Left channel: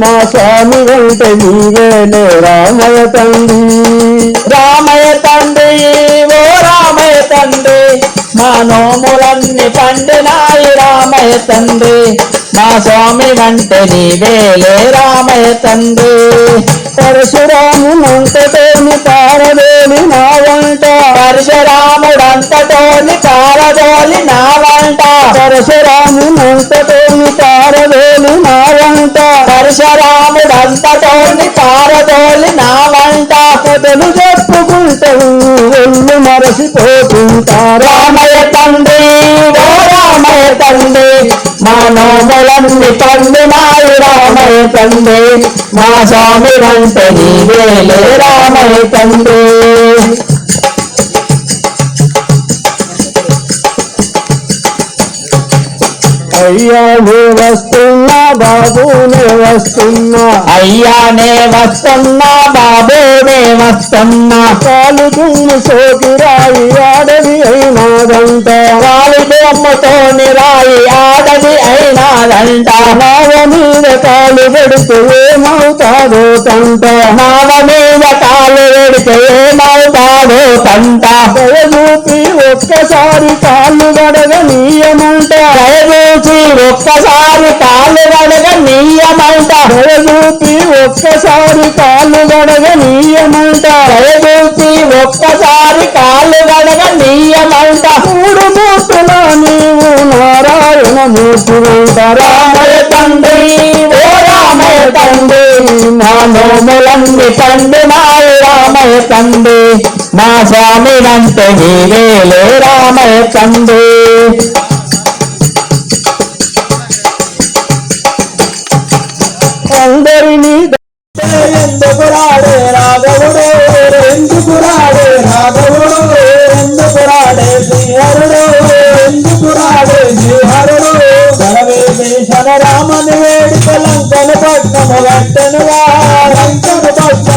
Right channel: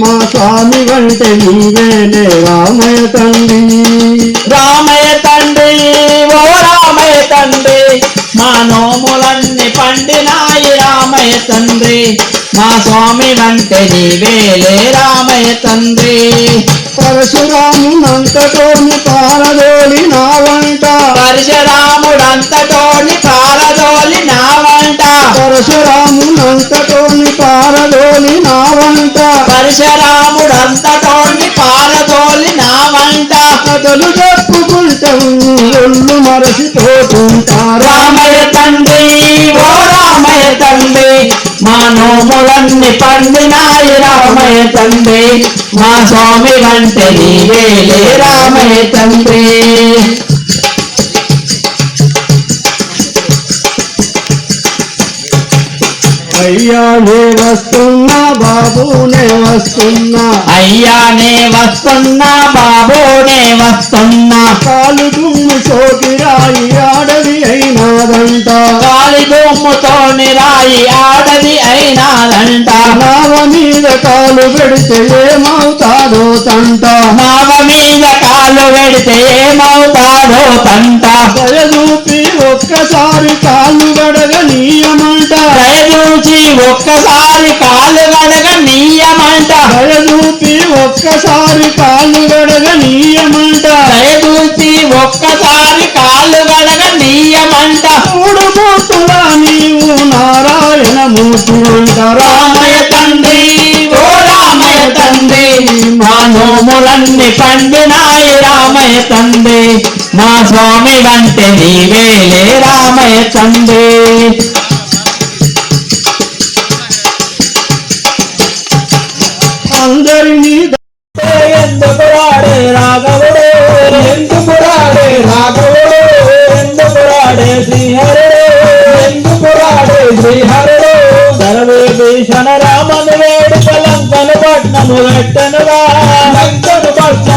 మా స్వామి అంటే నీవేనే రామయ్య తండ్రి రామయ్య తండ్రి ఓ రామయ్య తండ్రి మా నోములన్నీ పండినాయి రామయ్య తండ్రి మా స్వామి అంటే నీవేలే రామయ్య తండ్రి పరశురామునంతటోని పారదోలి నా వంట పరశురాముడంతటోని పారదోలి నా వంట పరశురామునంతటోని పారదోలి నా వంట పరశురాముడంతటోని పారదోలి నా వంట కథలు చెప్పుకుంటాం ఎన్ని మరసిపోతుంటారా రామయ్య తండ్రి ఓ రామయ్య తండ్రి మా నోములన్నీ పండినాయి రామయ్య తండ్రి. మా స్వామి అంటే నీవేలే రామయ్య తండ్రి. అయ్యా నే వస్తున్నా బాబు నే వస్తున్నా. అయ్యానే వస్తున్నా బాబోనే వస్తున్నా. కాలు దుమ్మి సోకిరాయి ఆడది అయినాదంట. గాలి బొమ్మతోని రాయి ఆడది అయినాదంట. నావ మీద కాలు పెడితే ఏమవుతాదో తంట. మావ మీద కాలు పెడితే ఏమవుతాడో తంట. ఒక్కసారి కాలు గడగ నీయమంట. దయచూపి ఒక్కసారి కాళ్ళు గడగ నీయమంట. దయచూచి ఒక్కసారి కాలు గడగ నీయమంట. మూడు మూర్తుల నీవు నారాయణ మూర్తి వెంట రామయ్య తండ్రి ఓ రామయ్య తండ్రి మా నోములన్నీ పండినాయి రామయ్య తండ్రి. మా స్వామి అంటే నీవేలే రామయ్య తండ్రి.